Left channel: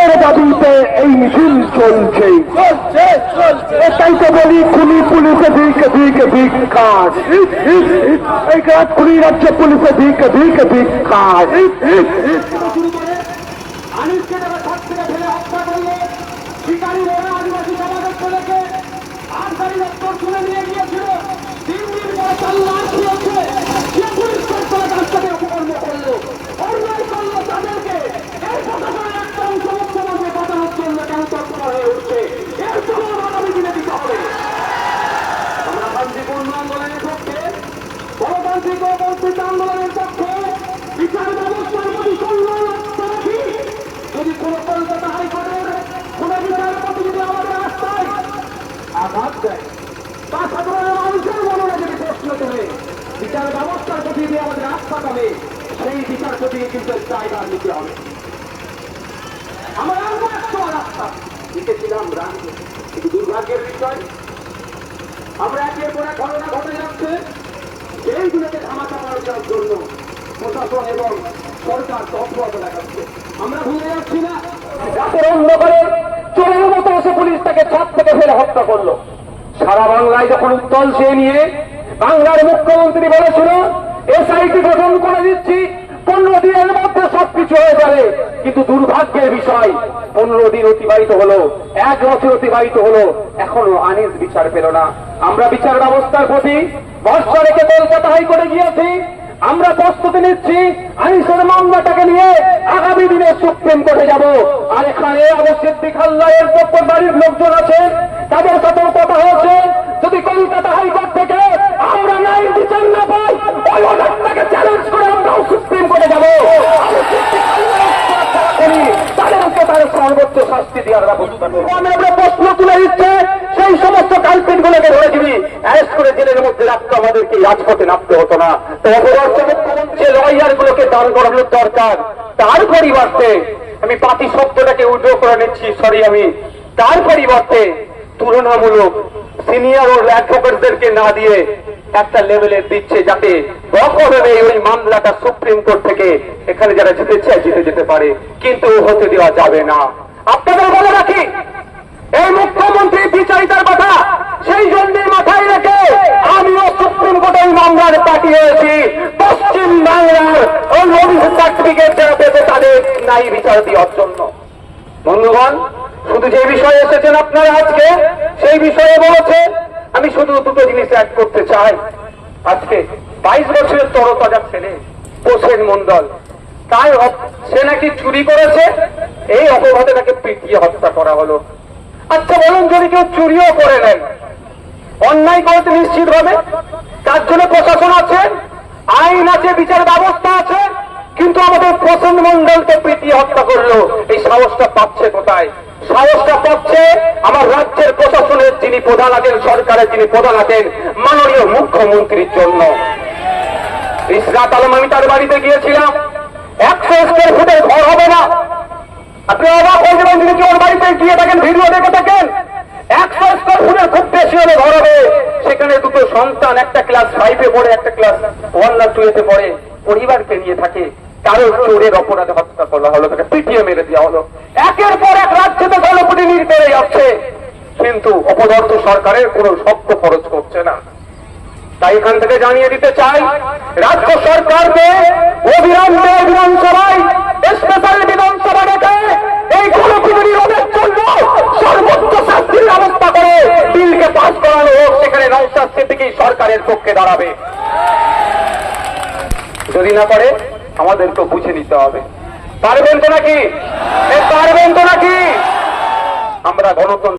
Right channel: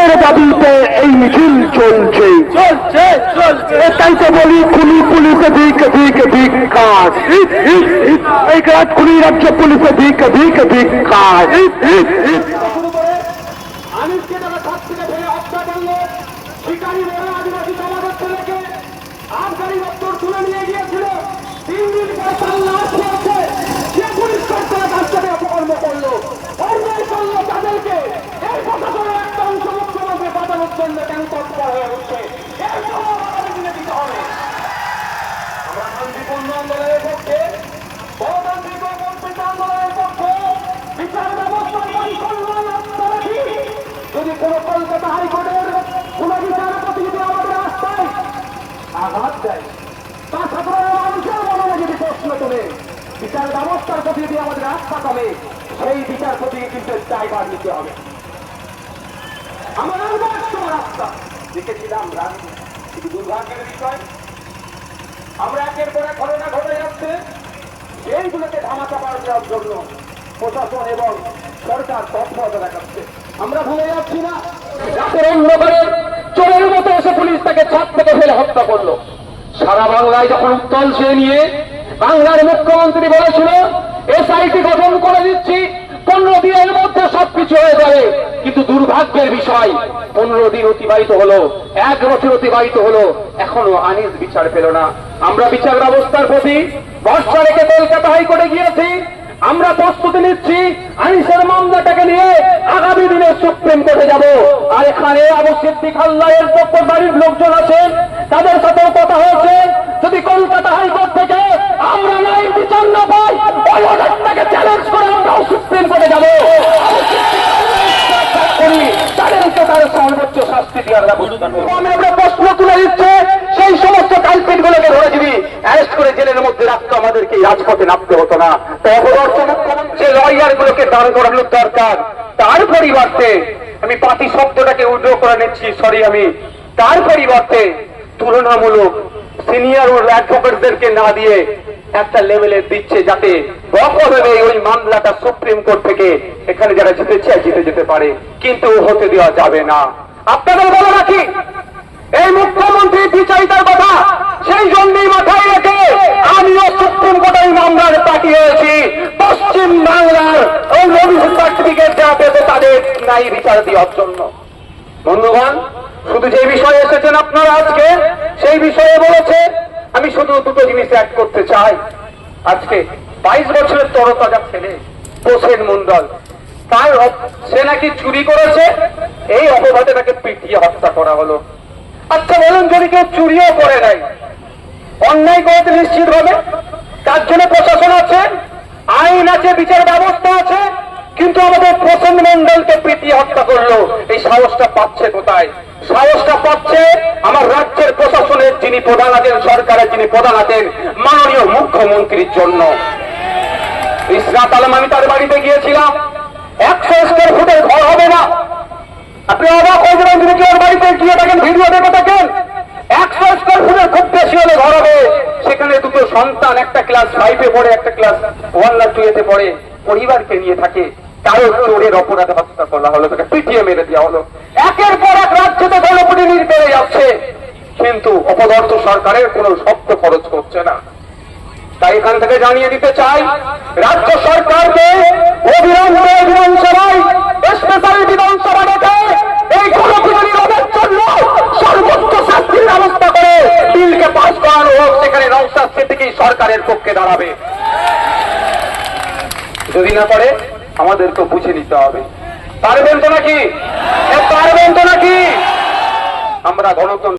বিচারের দাবিতে এই মিছিল চলছে। তাই তো বলি পুলিশে ধিক কাজ, এই কাজ খুলি রাজ্যে পুলিশে ধিক কাজ। আনিসকে তারা ছাদ থেকে ফেলে হত্যা করলো, শিকারী বলে আদিবাসী সমাজের ছেলেকে আবগারি দপ্তর তুলে নিয়ে গিয়েছিল। 3 দিন পরে তল্লাশ চলছে, সে পুলিশ কর্তারা তার সাথে অপকর্ম করলো, অন্যায় করলো তাদেরকে। এর প্রশাসনের একটা অংশ মুখ্যমন্ত্রী বাঁচানোর জন্য কেন তৎপর হয়ে উঠছে, এর জবাব আগামী দিনে দিতে হবে। আমরা শান্তিপূর্ণ আন্দোলনের পক্ষে, গণতান্ত্রিক ও বঞ্চিত আন্দোলনের পক্ষে, বিচার ব্যবস্থার প্রতি সম্মান আস্থা রাখি। যদি কোন কলকাতা হাইকোর্টের কোন বিচারপতি যদি আমাদের রাস্তায় আঘাত দেয় বা সাধারণ মানুষের মনে যদি প্রশ্ন করে বিচার ব্যবস্থার প্রতি যদি আমাদের আস্থা কমে, সেই বিচারপতিকে কিন্তু দায়ভার নিতে হবে। আমার রাস্তা লিখেছিলাম রাজ্যে, কিন্তু দুর্ভাগ্যের বিষয় আমরা একের পর এক ঘটনা ঘটে যাচ্ছে, সেইগুলোকে ধামাচাপা দেওয়ার জন্য প্রশাসন এবং সরকার তৎপরতা দেখাচ্ছে। আমরা ভুলে যাচ্ছি না, রাতের অন্ধকারে চোরের মতো এসে পুলিশ তাকে ছাদ থেকে ফেলে হত্যা করলো। সারা বাংলায় যখন উত্তল চেয়ে নিয়ে বাংলার মুখ্যমন্ত্রী বলেছিল এসআইটি গঠন করে দিচ্ছি, 15 দিনের মধ্যে সবকিছু হয়ে যাবে, কিন্তু দুর্ভাগ্যের বিষয় 15 দিন অতিবাহিত হলো, 1 বছর অতিবাহিত হলো, এখনো আনিস বিচার পেল না। আমরা বিচার ব্যবস্থার প্রতি ভরসা রেখে কলকাতা হাইকোর্টে গিয়েছি। আমরা প্রস্তুতি নিচ্ছি আনিসের মামলাটাকে নিয়ে আগামী দিনে সুপ্রিম কোর্টে যাব। আর এখানে আবু সিদ্দিক আল্লাহের পক্ষ বাড়ির লোকজন আছেন, তাদের সাথেও কথা হয়েছে। যদি কলকাতা হাইকোর্ট থেকে আমরা ন্যায় বিচার না পাই, ওই অর্ডারটাকে চ্যালেঞ্জ করে আমরাও সুপ্রিম কোর্টে যাব। তাদেরকে তার সর্বোচ্চ শাস্তি দেওয়ার ব্যবস্থা আমরা প্রশ্ন তুলে দিচ্ছে, সেই সমস্ত কালপিট গুলোকে ধরে দিবি অ্যারেস্ট করে জেলের মধ্যে রাখতো, আমাদেরকে রাজপথে নামতে হতো না। যে লয়ার গুলোকে দাঁড় করানোর দরকার, তার পরিবর্তে আমি পার্টি শব্দটাকে উদ্যোগ করে নিচ্ছি, আমি তার পরিবর্তে তুলনামূলক সিনিয়র ও অ্যাডভোকেটদেরকে না দিয়ে একটা লেভেলের দিচ্ছে, যাতে রকমভাবে ওই মামলাটা সুপ্রিম কোর্ট থেকে এখানে যারা জিতে চায় জিতে যেতে পারে, কিন্তু হতে দেওয়া যাবে না। আপনাদের বলে রাখি, এই মুখ্যমন্ত্রী বিচারিতার কথা সেই জন্যই মাথায় রেখে আমিও সুপ্রিম কোর্টে ওই মামলার পাঠিয়েছি, পশ্চিম বাংলার ওই মধু সার্টিফিকেট দেওয়া পেতে তাদের ন্যায় বিচার দেওয়ার জন্য। বন্ধুগণ, শুধু যে বিষয়ে এসেছেন আপনারা আজকে, সেই বিষয়ে বলেছে, আমি শুধু দুটো জিনিস অ্যাড করতে চাই। আজকে 22 বছরের তরতাজা ছেলে প্রসেন মন্ডল, তার সে নাকি চুরি করেছে, এই অপরাধে তাকে পিটিয়ে হত্যা করা হলো। আচ্ছা বলুন, যদি কেউ চুরিও করে নাই, অন্যায় করেছে নিশ্চিত হবে, তার জন্য প্রশাসন আছে, আইন আছে, বিচার ব্যবস্থা আছে, কিন্তু আমাদের প্রসেন মন্ডলকে পিটিয়ে হত্যা করলো, এই সাহসটা পাচ্ছে কোথায়? সাহসটা পাচ্ছে আমার রাজ্যের প্রশাসনের যিনি প্রধান আছেন, সরকারের যিনি প্রধান আছেন, মাননীয় মুখ্যমন্ত্রীর জন্য। ইসরাত আলম, আমি তার বাড়িতে গিয়েছিলাম, 100 স্কয়ার ফুটের ঘর হবে না। আপনি অবাক হয়ে যাবেন যদি ওর বাড়িতে গিয়ে থাকেন, ভিডিও দেখে থাকেন। 100 স্কয়ার ফুটের খুব বেশি হলে ঘর হবে, সেখানে দুটো সন্তান, একটা ক্লাস 5-এ পড়ে, একটা ক্লাস 1 না 2-তে পড়ে, পরিবারকে নিয়ে থাকে। কারো চোরের অপরাধে হত্যা করা হলো, তাকে পিটিয়ে মেরে দেওয়া হলো। একের পর এক রাজ্যতে গণপিটুনি বেড়ে যাচ্ছে, কিন্তু অপদার্থ সরকারের কোন শব্দ খরচ করছে না। তাই এখান থেকে জানিয়ে দিতে চাই, রাজ্য সরকারকে অবিলম্বে বিধানসভায় স্পেশাল বিধানসভা ডেকে এই গণপিটুনি রোধের জন্য সর্বোচ্চ শাস্তির ব্যবস্থা করে বিলকে পাস করানো হোক। সেখানে নওশাদ সিদ্দিকী সরকারের পক্ষে দাঁড়াবে। যদি না পারে আমাদেরকে বুঝে নিতে হবে। পারবেন তো নাকি? পারবেন তো নাকি? আমরা গণতন্ত্র